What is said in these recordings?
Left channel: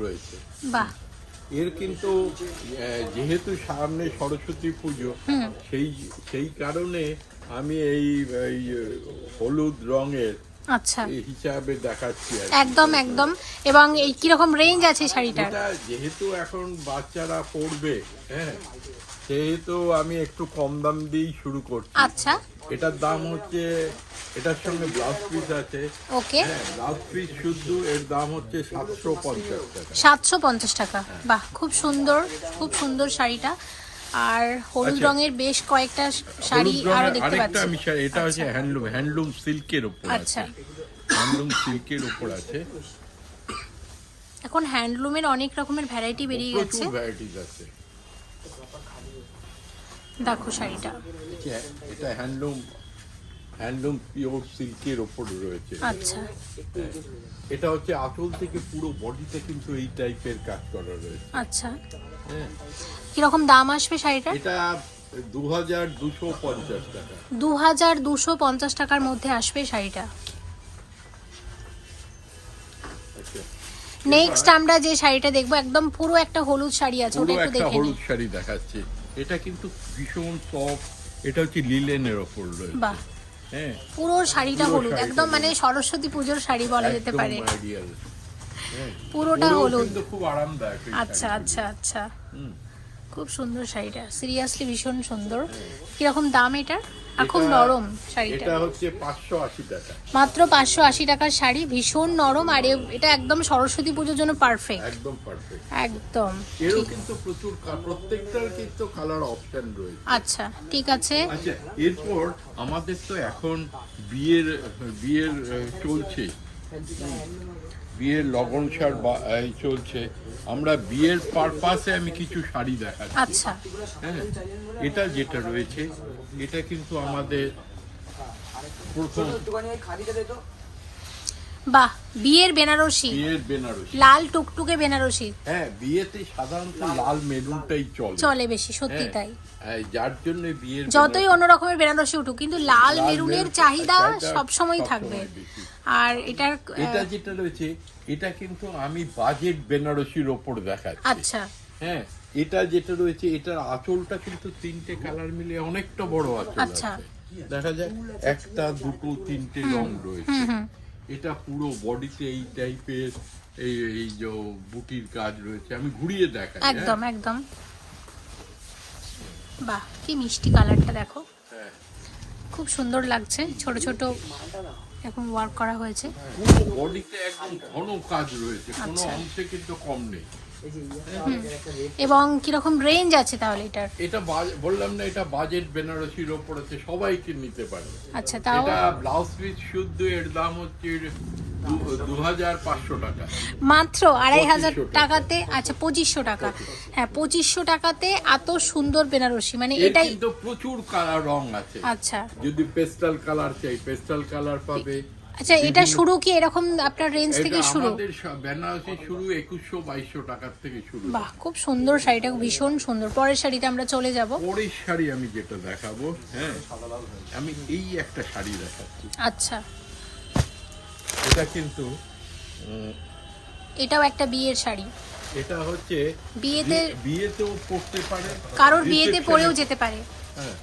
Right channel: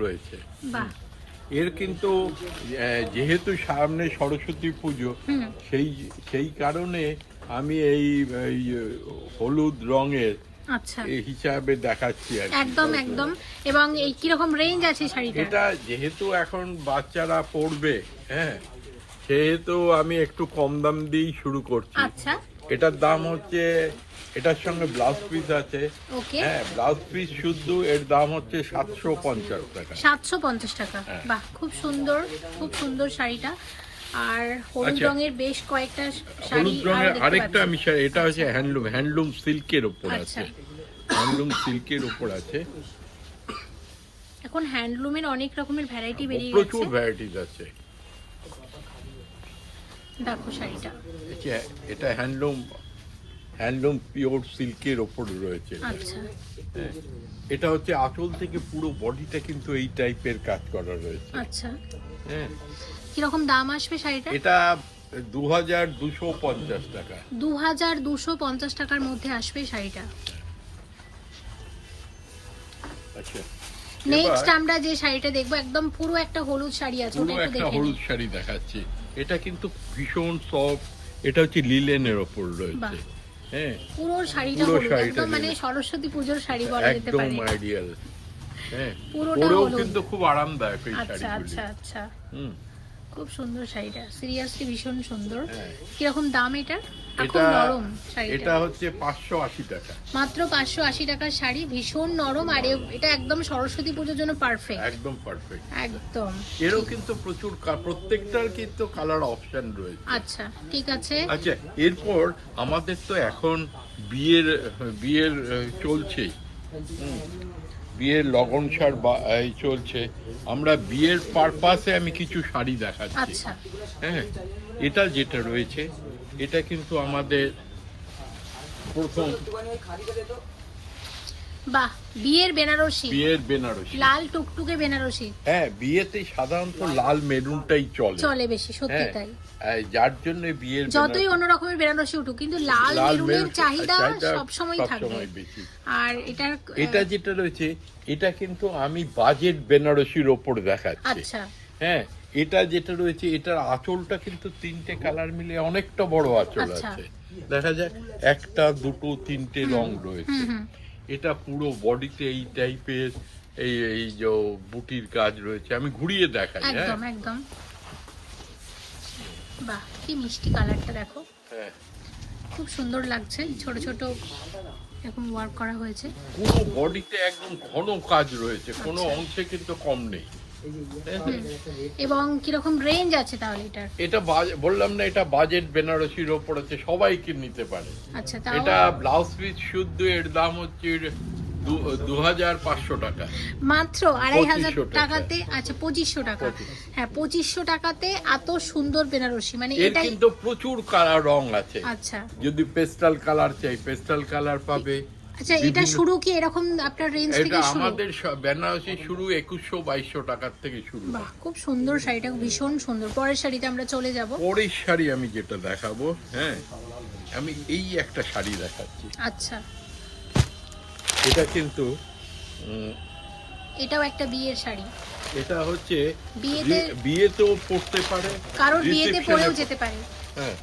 রয়েছে। বাহ। এর কিন্তু যেহেতু সামনে সরস্বতী পুজো সেই সেই কারণে আমি এই হলুদ রঙের আচ্ছা। এই হিসাবে দেখাচ্ছি একদম একদম। এবং এই কীরকম রেঞ্জ আছে শাড়িটার? এটা যেহেতু এখন বাচ্চারা পড়বে হ্যাঁ সেহেতু আমি একটু কম দাম দিয়েই শুরু করছি। আচ্ছা। এটার দাম হচ্ছে এটার সঙ্গে ব্লাউজ পিস আছে। ওকে হ্যাঁ ব্লাউজ পিস শুদ্ধ এর দাম হচ্ছে সাতশো পঞ্চাশ টাকা। সাতশো পঞ্চাশ টাকা। হ্যাঁ। বাহ খুব সুন্দর খুব সুন্দর শাড়িটা। আর হলুদ আচ্ছা। রঙের বেশ কয়েকটা শাড়ি আরও আরেকটা আমি এটা হচ্ছে হ্যান্ডলুম হ্যান্ডলুম সিল্কের আচ্ছা। আছে। হ্যান্ডলুম সিল্কের ওপর আছে। এখন হ্যান্ডলুমের অনেক রকমের ভ্যারাইটি বেরিয়ে গেছে। প্রচুর ভ্যারাইটিস আছে। দেখো শাড়িটা। এটা- হ্যান্ডলুম হ্যান্ডলুম পিওর সিল্কের ওপর রয়েছে। আচ্ছা। এটা হচ্ছে আঁচল থেকে পুরো বডিটা কিন্তু এই টাইপের কাজ করা রয়েছে। আচ্ছা। হ্যাঁ। কীরকম দাম আসবে শাড়িটা এটা দু হাজার দুশো পঞ্চাশ টাকা। দু হাজার দুশো পঞ্চাশ টাকার মধ্যে আসবে শাড়িটা। আচ্ছা। নেক্সট আমরা যে শাড়িটা দেখব একদম পুরো একটা হলুদ শাড়ি আছে ওটা একটু দেখে হলুদ শাড়ি দেখাচ্ছে। এটা কিন্তু ভীষণ সফট এটা হচ্ছে লিলেনের ওপর বাহ। রয়েছে হ্যাঁ। পুরো শাড়িটা হলুদ একদম মানে সরস্বতী পুজোর শাড়ি বলা যেতে পারে। হ্যাঁ। পুরোটা হলুদ। কিন্তু খুব আরামদায়ক আচ্ছা আচ্ছা আচ্ছা। হুম। খুব সুন্দর শাড়িটা। সিরিয়াসলি ভীষণ সুন্দর। কীরকম দাম এটা এটা- নরম শাড়িটা। এটা হচ্ছে পাঁচশো আশি টাকা। মাত্র পাঁচশো আশি টাকার শাড়ি ভীষণ নরম আর এটা একদম সরস্বতী পুজোর জন্য পারফেক্ট একদম পারফেক্ট একদম। এরও কিন্তু প্রচুর প্রত্যেকটার কিন্তু কালার অপশন রয়েছে। আচ্ছা ঠিক আছে। আচ্ছা এরপর আমাদের তো এখন বিয়ের বিয়ের চলছে। বিয়ের লগন সার চলছে। আমরা বিয়ের পারপাসে আমি কিছু শাড়ি দেখাচ্ছি। আচ্ছা। হ্যাঁ? এটা যেটা রয়েছে এটা কিন্তু আমাদের প্রথম। বাহ বিয়ের বেনারসি। বিয়ের বেনারসি। লাল টুকটুকে বেনারসি। হ্যাঁ বিয়েতে সাধারণত লাল মেরুনটাই চলে। চলে বেশি সত্যি হ্যাঁ, তাই। যার জন্য বিয়ের যতই বেনারসি- অন্য রকমের বেনারসি উঠুক কিন্তু লাল মেরুনের চাহিদা সবসময় সবসময় থাকবে। আর এটার এটা যেটা রয়েছে এটা কিন্তু আমি বাজেট বেনারসির ওপর দেখাচ্ছি। আচ্ছা। হ্যাঁ এটা যেটা রয়েছে এটার আঁচলটা কিন্তু তিনটে কালার মিলে অনেকটা বড় আঁচল আচ্ছা। আছে। দেখা যায় একটা দুটো তিনটে রং রয়েছে। এটা পুরো বডিতে এই টাইপের এই এই যে বুটির কাজ রয়েছে আমি ঘুরিয়ে দেখাই হ্যাঁ? একদম একদম। বাহ কি মিষ্টি কালারটা দেখো। হ্যাঁ। খুব সুন্দর লাগছে ছোট ছোট এরকম ওয়ার্ক করা হয়েছে। পুরো বডিতে একদম ঘন কাজ রয়েছে কোনো আচ্ছা। অংশে কিন্তু কম নেই। এবং কীরকম রেঞ্জ আছে তাহলে এটার? এটা বললাম না এটা বাজেট বেনারসির ওপর আছে সবাই কি নিতে পারে। আচ্ছা তাও এটা ব্লাউজ পিস শুদ্ধ এর দাম হচ্ছে টাকা। মাত্র আড়াই হাজার টাকাতে আচ্ছা পঁচিশশো টাকা। হ্যাঁ পঁচিশশো টাকাতে এত সুন্দর বেনারসি মানে এর এটাই কিন্তু প্রচুর কালার রং আছে। আচ্ছা। যদি পেস্টাল কালার চাই পেস্টাল কালার পাবে। আচ্ছা এটা শুরু কি এরকম আপনার রেঞ্জ থেকে শুরু? আমাদের বেনারসি শুরু থেকে শুরু। বাহ খুব সুন্দর শাড়িটা ভীষণ সুন্দর। পরের শাড়িতে আমরা চলে যাব। পরের শাড়ি আমি যেটা দেখাবো হ্যাঁ আমি এই একটা শাড়ি দেখাচ্ছি। আচ্ছা। এটা কিন্তু এটাও একটা বিয়ের শাড়ি। এটা হচ্ছে বিয়েতে- বিয়ে- বিয়েতেও পড়তে পারে কারোর বিয়েতে পরেও যেতে পারে। হ্যাঁ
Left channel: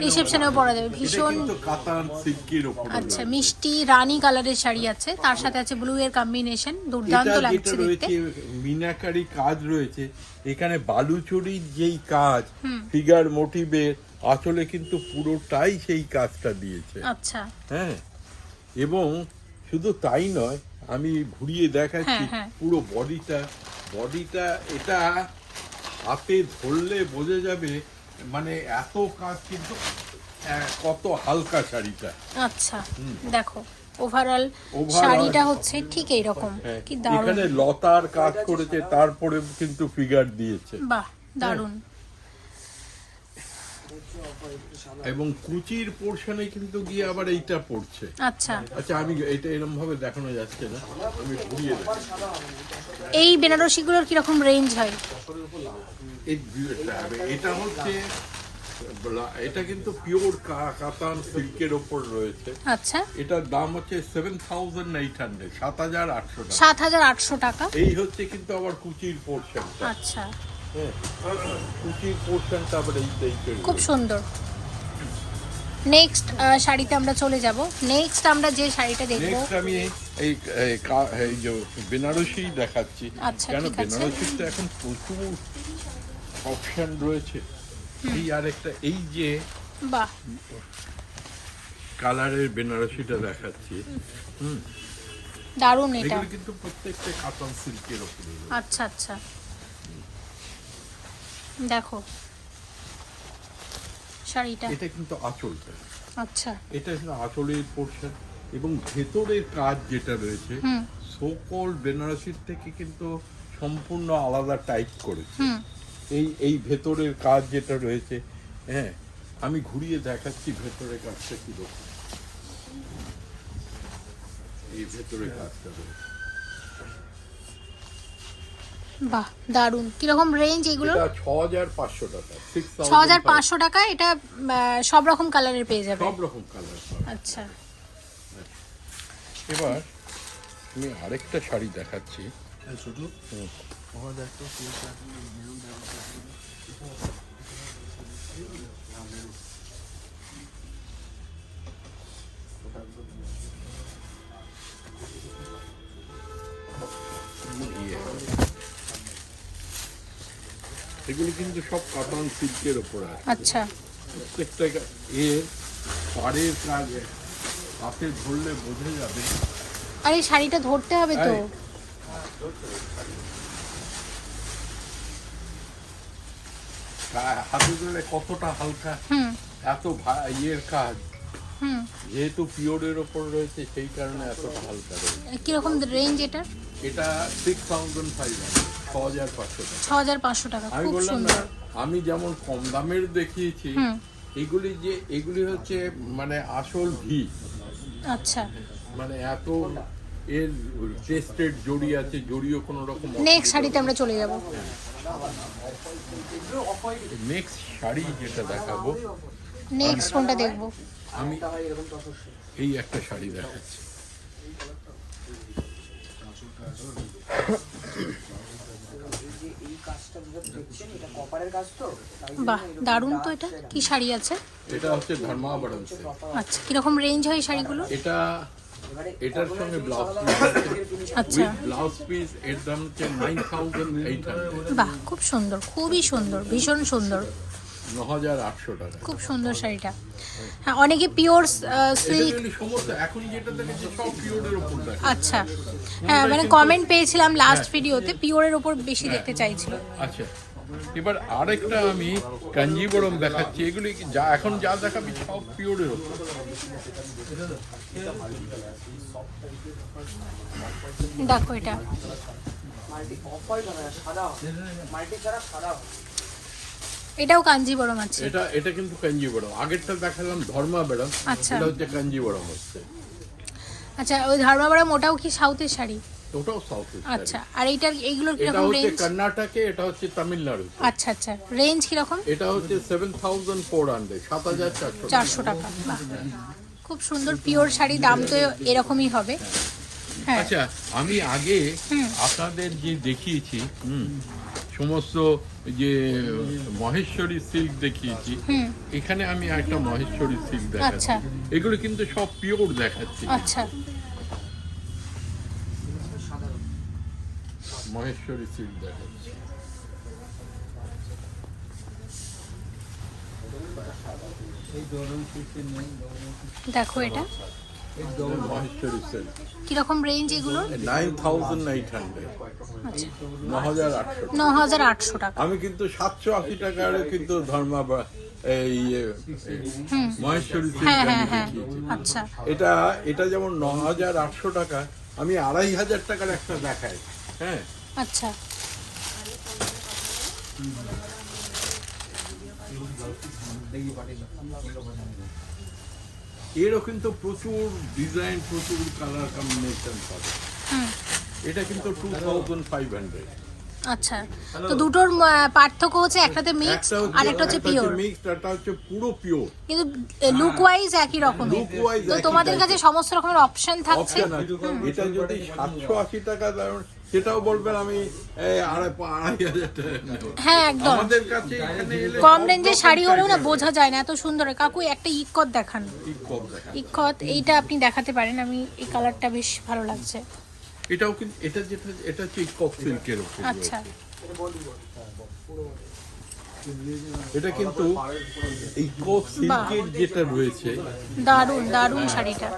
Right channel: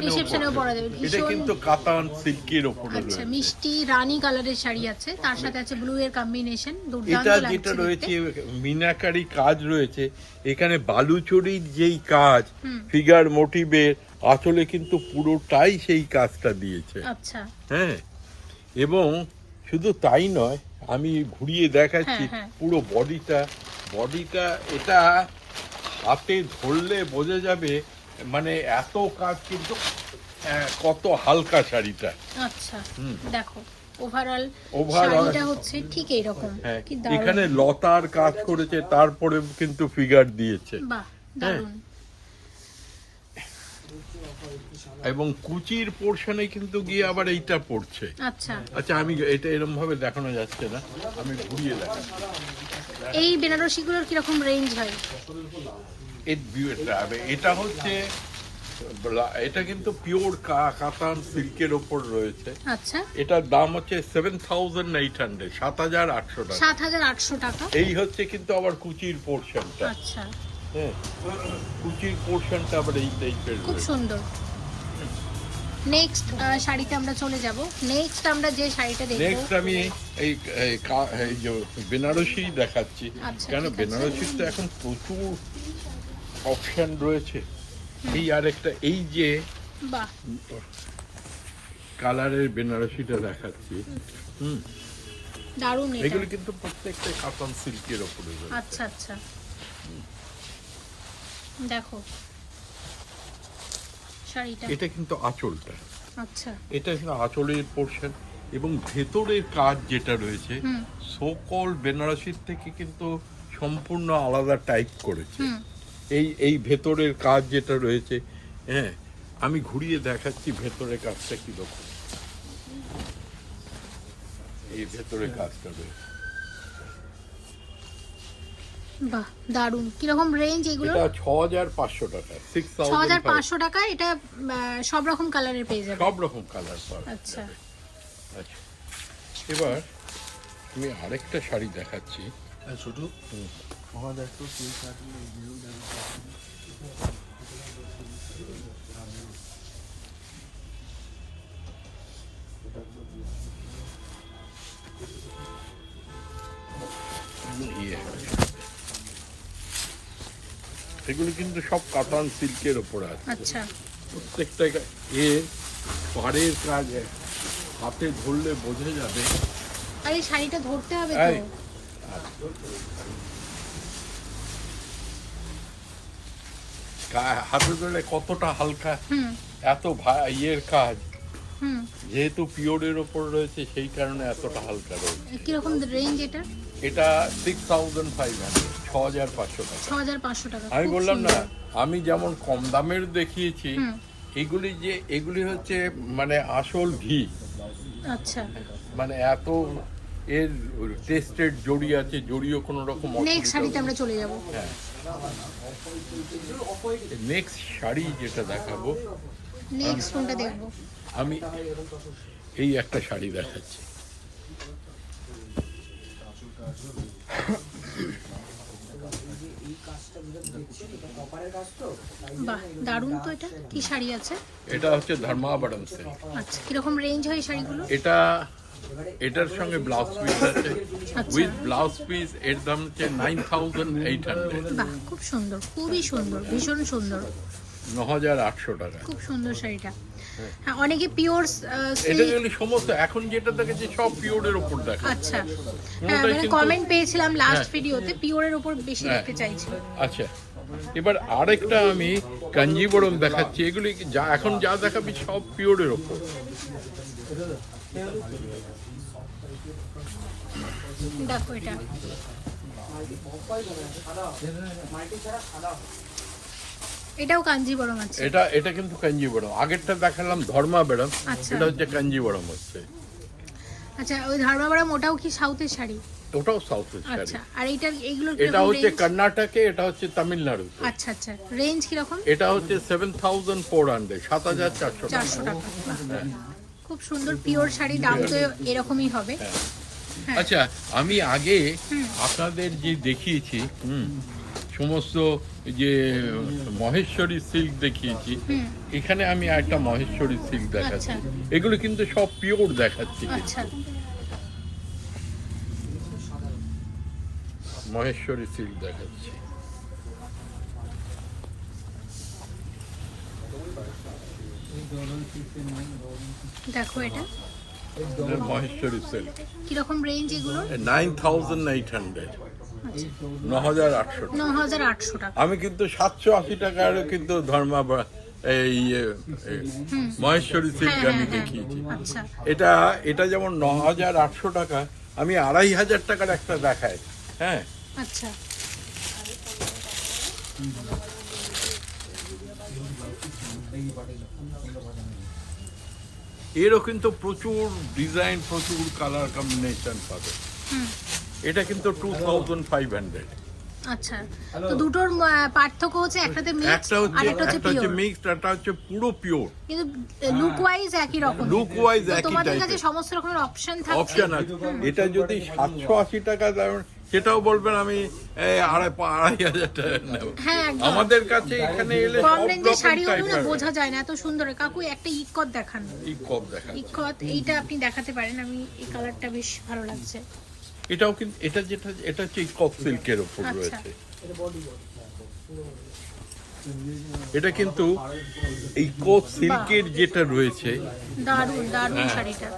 রিসেপশনেও পরা। যাবে। ভীষণ- কাতান সিল্কের উপরে আচ্ছা মিষ্টি রানী কালারের শাড়ি আছে। তার সাথে আছে ব্লু এর কম্বিনেশন দুর্দান্ত লাগছে রয়েছে মিনাকারি কাজ রয়েছে। এখানে বালুচরির যেই কাজ ফিগার মোটিভের আসলে কিন্তু পুরোটাই সেই কাজটা দিয়েছে। আচ্ছা। হ্যাঁ। এবং শুধু তাই নয় আমি ঘুরিয়ে দেখাচ্ছি হ্যাঁ, হ্যাঁ। পুরো বডিটা। বডিটা এটা হাতে ধরলে বোঝা যাবে মানে এত কাজ কিন্তু কত হালকা শাড়িটা। আচ্ছা দেখো ওভারঅল শাড়িটা হচ্ছে ঠিক এইরকম। হ্যাঁ, কি দারুণ। এখানে লতার কাজ করেছে তারপরে কিন্তু ফিগার দিয়েছে। বাহ দারুণ। এবং কুচির পোর্শনে কিন্তু গিয়ে আবার এইটা পড়ছে। আচ্ছা। আচ্ছা আমি এটা এরকম ভাবে দেখানো যাচ্ছে না। আমি ঘুরিয়ে দেখাই এই বেনারসিগুলোর কীরকম রেঞ্জ হয়? এটা হচ্ছে এটা কিন্তু পিওর কাতান সিল্কের ওপর রয়েছে। আচ্ছা। এটার দাম হচ্ছে সেভেন থাউজেন্ড এইট হান্ড্রেড সাত হাজার আটশো টাকা। সাত হাজার আটশো টাকা। এই হচ্ছে কিন্তু আবার কুচির পোর্শনটা আচ্ছা। হ্যাঁ খুব সুন্দর। নেক্সট শাড়িতে আমরা চলে যাব। নেক্সট আমরা যে শাড়িটা দেখব নেক্সট আমি এই এই যে বেনারসি দেখাচ্ছি। আচ্ছা, কেন? বেনারসির তো এখন প্রচুর অপশন রয়েছে। এই আরেকটা এই যে বাহ। কালারের বেনারসিটা দেখাচ্ছি। হুম। দারুণ এটা। এগুলো কিন্তু প্রত্যেকটা কাতান সিল্কের রয়েছে। আচ্ছা আচ্ছা। দেখো। শাড়িটা। এটা কিন্তু আঁচলটা আচ্ছা। এটা কিন্তু আঁচলের পোর্শন এবং ভেতরের কাজ যেটা রয়েছে সকল বেনারসির থেকে কিন্তু সম্পূর্ণ আলাদা টাইপ করেছে। এই এই ভেতরের কাজ যেটা রয়েছে হ্যাঁ আমি ঘুরিয়ে দেখাচ্ছি ভেতরের কাজটা কি রকম এই ভেতরের কাজটা রয়েছে। বাহ দারুণ। কীরকম রেঞ্জ এগুলো? ছ হাজার পাঁচশো টাকা ছ হাজার পাঁচশো টাকা এটা সব রকম কালারের পেয়ে যাবে। সব রকম কালার আচ্ছা। আচ্ছা। এবার আমি আরেকটা শাড়ি দেখাচ্ছি। শুধু? এগুলো কিন্তু সব কাতান সিল্কের ওপর আছে। আচ্ছা। প্রত্যেকটা এর পাড়ের কাজ হাতে ধরলে বোঝা যাবে। আর এই শাড়িটা ধরতে হবে তো। হাতে ধরলে কতটা হালকা। হুম। এত ইয়ের কাজ। হুম। যেহেতু পিওরের ওপর রয়েছে সেই কারণে এতটা হালকা রয়েছে। কীরকম রেঞ্জ এটার? এটা সিক্স থাউজেন্ড ফাইভ হান্ড্রেড ছ হাজার পাঁচশো টাকা আমি বললাম না আমি যেমন কম দামের দেখিয়েছি এগুলি যে এগুলি হচ্ছে মানে আসল ঘি। আচ্ছা। মানে এত এর টেস্টেড জড়ি আছে জড়িও কোনো রকম নেক্সট শাড়িতে আমরা চলে যাব। নেক্সট শাড়ি যেটা দেখাবো নেক্সট কোনটা দেখব? আমি এই একটা শাড়ি দেখাচ্ছি। বাহ দারুণ তো এটা। কি শাড়ি আছে? এটা হচ্ছে আচ্ছা কীরকম রেঞ্জ হয় শাড়িগুলো? এটা এটার সঙ্গে ব্লাউজ পিস আচ্ছা। উইথ ব্লাউজ পিস এর দাম হচ্ছে নাইন থাউজেন্ড এইট হান্ড্রেড বাহ খুব সুন্দর খুবই সুন্দর ভীষণ সুন্দর। খুব সুন্দর শাড়িটা। হ্যাঁ অনেকে পিওর সিল্ক সমস্ত এখন যেটা দেখেছি সব পিওরের দেখা আচ্ছা। হ্যাঁ মানে কমেন্ট পেয়েছিলাম লাস্ট। ভিডিওতে পিওরের ওপর বেশি হ্যাঁ। দেখতে চাইছিল। আচ্ছা। এবার আরেকটা আমি কাঞ্জিবরম দেখাচ্ছি। এগুলি যা এখন যা দেখাবি সব পিওরের ওপর। দেখো এটা। এটাও কাঞ্জিবরম আছে। এটা এটা কিন্তু কাঞ্জিবরম। আগেরটা দেখালাম ধর্মা বেরম আচ্ছা। এটা হচ্ছে কাঞ্জিবরম হচ্ছে। আচ্ছা ওই ধর্মাবরম ওটাও কি সাউথের শাড়ি? ওটাও সাউথ আচ্ছা আর এইটার এইগুলোর এটা হচ্ছে কর্ণাটকে এটা হচ্ছে তামিলনাড়ু আচ্ছা আচ্ছা রেঞ্জ কীরকম? এটা হচ্ছে সেভেন থাউজেন্ড ফোর হান্ড্রেড সাত হাজার চারশো চারশো টাকা খুব সুন্দর পিওর শাড়ি দাম তো এরকমই হবে। হ্যাঁ। আচ্ছা আমি আগে আপনাদের যে দেখিয়েছি হুম, সমস্ত যে মহেশ্বরী সিল্ক দেখিয়েছি হুম। এখানে আমি একটা মহেশ্বরী সিল্ক দেখাচ্ছি। আচ্ছা। এগুলো কিন্তু সব পিওর দেখাচ্ছি। আচ্ছা। মহেশ্বরী সিল্ক দেখাচ্ছি। দেখো এটা। মহেশ্বরী সিল্ক। কীরকম রেঞ্জ এগুলো? নাইন থাউজেন্ড এইট হান্ড্রেড আচ্ছা। আমি কিন্তু সাতশো আশি কিন্তু ধর্মা এই এ, মহেশ্বরী সিল্ক হ্যাঁ আমি হ্যাঁ হ্যাঁ। দেখিয়েছি। আচ্ছা। এটা এটা যেমন ন হাজার আটশো টাকা আমি আড়াই হাজার টাকার একটা দেখাই। হ্যাঁ? আচ্ছা। এরও কিন্তু প্রচুর ডিজাইন প্রচুর কালার কম্বিনেশন পাবে। এটা কিন্তু টু থাউজেন্ড ফাইভ হান্ড্রেড আচ্ছা। তো দুটোর পার্থক্য হচ্ছে একটাতে মিক্স আর একটা হচ্ছে পিওর মিক্সড একটা হচ্ছে পুরো পিওর কিন্তু লুক ওয়াইজ একই রকম Look wise তো তোমাদের কাছে সমস্ত রকমের অপশন থাকছে? এটা যদি সাতশো আশি টাকা দেন সেটাও বলবেন আমি এই আড়াই আড়াই হাজার টাকা নেব। হ্যাঁ আমাদের কাছে এখানে এলে কম রেঞ্জের শাড়ি হলেও না বোঝা যায় না এত সুন্দর। কাকু একটা ইকত দেখান। ইকত এইটা আপনি দেখাতে পারেন আমি এই কালারটা বেশ ভালো লাগছে। এটাও কিন্তু এটা যেটা এটা হচ্ছে কপ সিল্কের উপর আচ্ছা। রয়েছে। এটা কিন্তু এই সিল্কের যেটা রয়েছে দারুণ দারুণ শাড়িটা।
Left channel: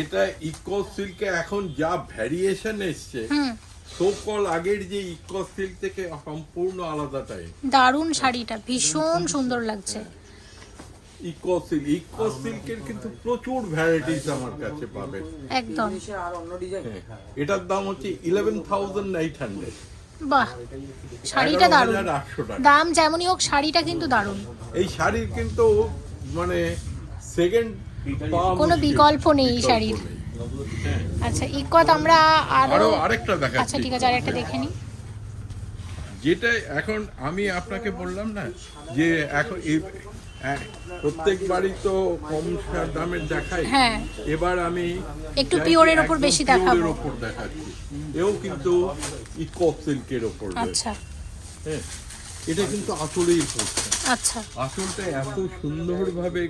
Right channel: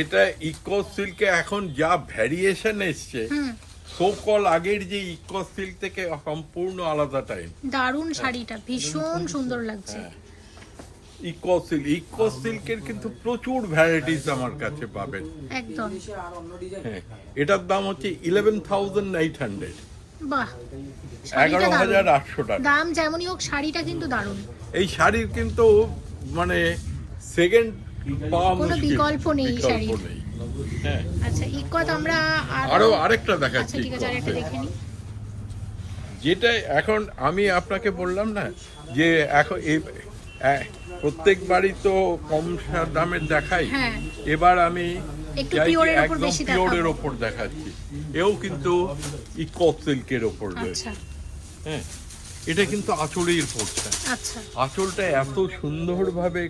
এটা ইকো সিল্কে এখন যা ভ্যারিয়েশন এসছে হুম। সোকল আগের যে ইকো সিল্ক থেকে সম্পূর্ণ আলাদা টাইপ দারুণ শাড়িটা ভীষণ সুন্দর লাগছে। ইকো সিল্ক ইকো সিল্কের কিন্তু প্রচুর ভ্যারাইটিস আমার কাছে পাবেন। একদম। হ্যাঁ, এটার দাম হচ্ছে ইলেভেন থাউজেন্ড এইট হান্ড্রেড বাহ শাড়িটা দারুণ দাম যেমনই হোক শাড়িটা কিন্তু দারুণ এই শাড়ির কিন্তু মানে সেকেন্ড কোনো বিকল্প নেই এই শাড়ির। হ্যাঁ। আচ্ছা ইকত আমরা আরও আরও আরেকটা আচ্ছা ঠিক আছে আরেকটা দেখে নিই। যেটা এখন আমি আপনাকে বললাম না যে এখন এই প্রত্যেক বাড়ি তো কম দামের দেখাই। হ্যাঁ। এবার আমি একটু পিওরের একদম বেশি পিওরের দেখাবো। ওপর দেখাচ্ছি। এও কিন্তু ইকো সিল্কের রয়েছে। আচ্ছা। হ্যাঁ এটা কিন্তু আঁচলের পোর্শন। আচ্ছা। আঁচলটা এত সুন্দরভাবে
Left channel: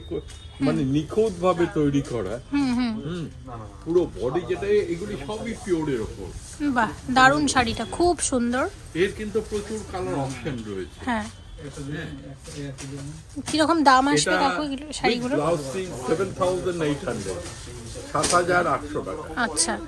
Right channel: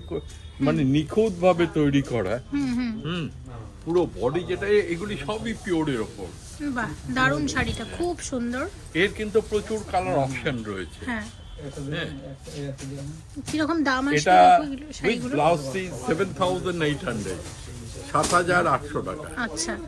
মানে নিখুঁত ভাবে হ্যাঁ। তৈরি করা। পুরো বডি যেটা এগুলি সবই পিওরের ওপর। বাহ দারুণ শাড়িটা খুব সুন্দর। এর কিন্তু প্রচুর কালার অপশন রয়েছে। হ্যাঁ।, হ্যাঁ। কীরকম দাম আসবে দেখো শাড়িগুলো? ব্লাউজ 7800 আচ্ছা।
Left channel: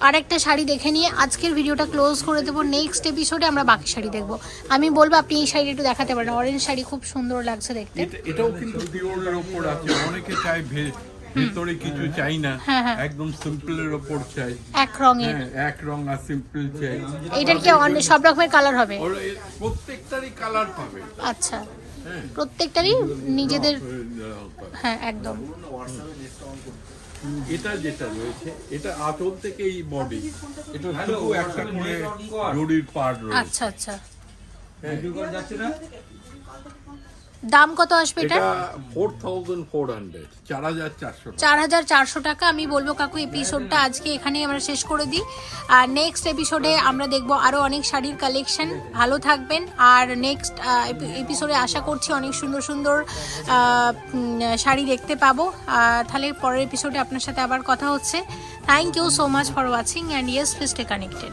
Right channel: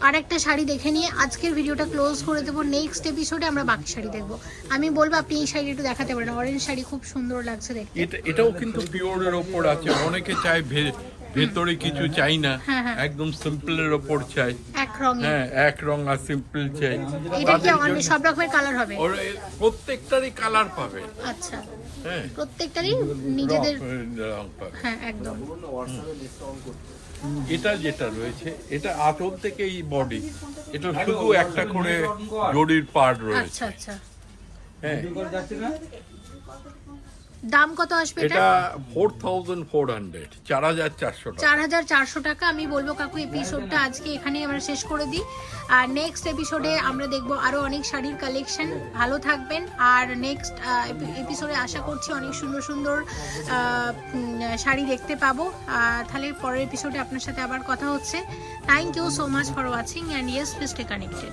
আর একটা শাড়ি দেখে নিয়ে আজকের ভিডিওটা ক্লোজ করে দেবো। নেক্সট এপিসোডে আমরা বাকি শাড়ি দেখব। আমি বলব আপনি এই শাড়ি একটু দেখাতে পারেন। অরেঞ্জ শাড়ি খুব সুন্দর লাগছে দেখতে। এটাও কিন্তু পিওরের ওপর আছে। অনেকে চায় ভেতরে কিছু চাই না। হ্যাঁ, হ্যাঁ। একদম সিম্পলের ওপর চাই। এক রঙে। হ্যাঁ এক রং আর সিম্পল চাই। এটা কি অনেক সব রকমের কালার হবে? প্রত্যেকটারই কালার পাবে। আচ্ছা। প্রত্যেকটারই নিজেদের হ্যাঁ একদম। এটা যেটা রয়েছে এটা আটল থেকে এই বডি এটা শুধু একটা করে রোডির পার্ট রয়েছে আচ্ছা আচ্ছা। হ্যাঁ। দাম কত আসবে এটা? এটা ফোর থাউজেন্ড ফোর হান্ড্রেড চার হাজার চারশো টাকা। চার হাজার চারশো টাকা। আমি বলব কাকু এপিসোডটা আজকে এখানে আমরা শেষ করে দিই। আর নেক্সট এপিসোডে আমরা দেখব আরও অনেক শাড়ির কালেকশন ভালো থাকবেন। আর নেক্সট এপিসোডে আশা করছি অনেক সুন্দর সুন্দর শাড়ি দেখতে পাবো। তাহলে পরের এপিসোডে আপনার সাথে আবার কথা হচ্ছে। Thank you so much for watching and yes please stay connected